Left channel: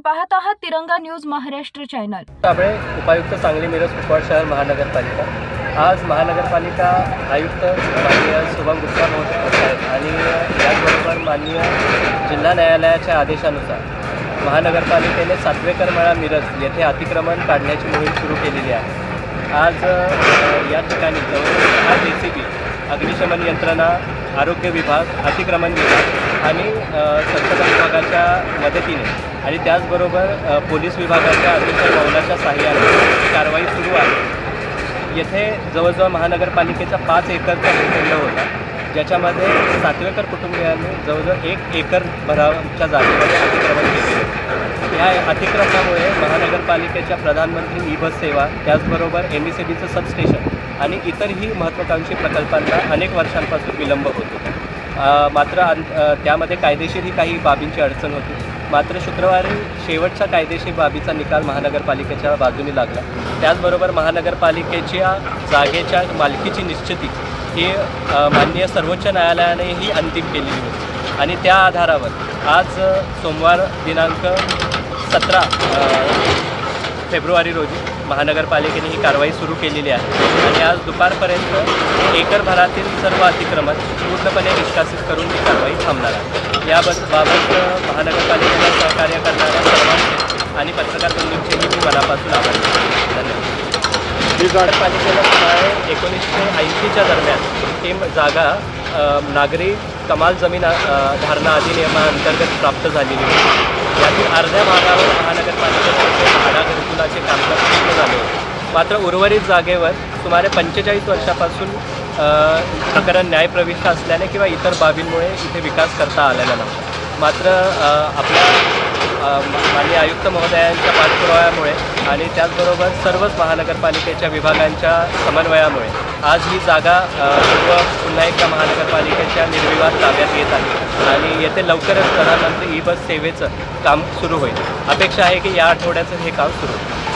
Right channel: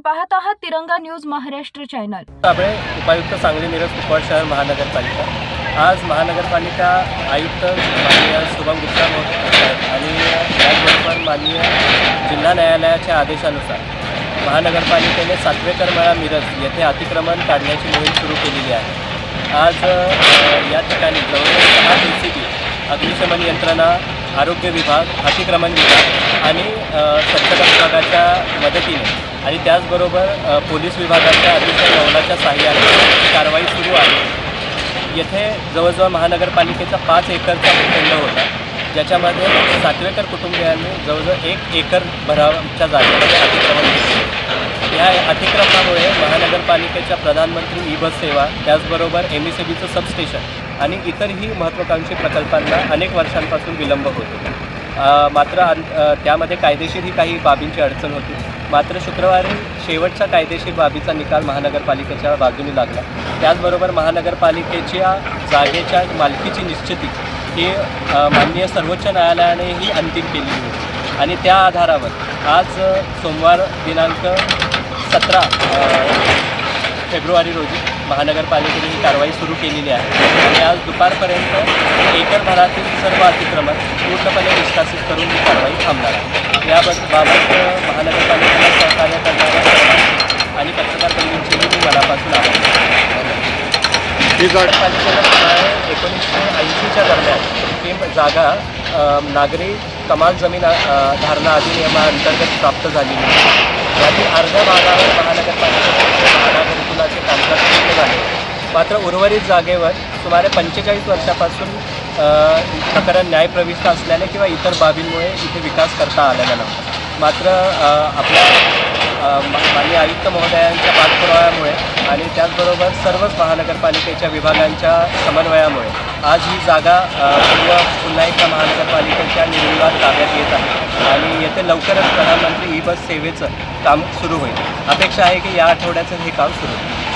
आपण पाहत आहात तिरंगा न्यूज महाराष्ट्र चॅनल। साबळे उपायुक्त सांगली मिरज कुपवाड शहर महानगरपालिका। आज महानगरपालिका आयुक्त माननीय शुभम गुप्ता साहेब आणि याचबरोबर माननीय जिल्हा न्यायालयाच्या आदेशानुसार महानगरपालिकेने सातवेकरमळा मिरज येथे अतिक्रमण काढण्याची मोहीम सुरू केलेली आहे। आज या ठिकाणी जवळजवळ 6 JCB, अग्निशमन यंत्रणा, आरोग्य विभाग, अतिक्रमण विभाग आणि स्वच्छता विभागाच्या मदतीने आणि त्याचबरोबर पोलीस विभागाच्या अतिशय मौलाच्या सहाय्याने कारवाई सुरू आहे। येथे जवळजवळ महानगरपालिकेचा 5 एकरचा भूखंड होता, ज्याच्यामध्ये सातवेकर कुटुंबियांनी जवळजवळ 1 एकर भराच्या जागेमध्ये अतिक्रमण केले। या अतिक्रमणामुळे महानगरपालिकेच्या प्रधानमंत्री ई-बस सेवा, त्याचबरोबर MSEBीचं सबस्टेशन आणि इतरही महत्त्वाकांक्षी प्रकल्पांना अनेक वर्षांपासून विलंब होत होता। मात्र त्यामध्ये कायदेशीरही काही बाबींची अडचण होती। मात्र शुक्रवारी शेवटच्या कायदेशीर बाबीचा निकाल महानगरपालिकेच्या बाजूने लागला। त्याचबरोबर महानगरपालिकेच्या जागेच्या मालकीची निश्चिती ही माननीय सर्वोच्च न्यायालयानेही अंतिम केलेली होती आणि त्या आधारावर आज सोमवार दिनांक 17 फेब्रुवारी रोजी महानगरपालिकेने ही कारवाई सुरू केलेली आहे आणि आज दुपारपर्यंत एकरभरातील सर्व अतिक्रमण पूर्णपणे निष्कासित करून ही कारवाई थांबणार आहे। याबाबत महानगरपालिकेला सहकार्य करणाऱ्या सर्वांचे आणि पत्रकार बंधूंचेही मी मनापासून आभार मानतो। धन्यवाद। नगरपालिकेला सुमारे 1980च्या दरम्यान ही जागा नागरी कमाल जमीन धारणा अधिनियमाअंतर्गत प्राप्त झालेली होती। यातील अर्ध्या भागावर महानगरपालिकेतर्फे भाडा घरकुलाचे कामकाज पूर्ण झाले होते। मात्र उर्वरित जागेवर सुमारे 45 वर्षापासून प्रकरण न्यायप्रविष्ट असल्याने किंवा इतर बाबींमुळे इथे विकास करता आलेला नव्हता। मात्र आपल्या माननीय आयुक्त महोदयांच्या पाठपुराव्यामुळे आणि त्याचबरोबर सर्वच महानगरपालिकेच्या विभागांच्या समन्वयामुळे आज ही जागा पुन्हा एकदा महानगरपालिकेच्या निर्विवाद ताब्यात येत आहे आणि येथे लवकरच प्रधानमंत्री ई-बस सेवेचं काम सुरू होईल। अपेक्षा आहे की या आठवड्याचं हे काम सुरू होईल।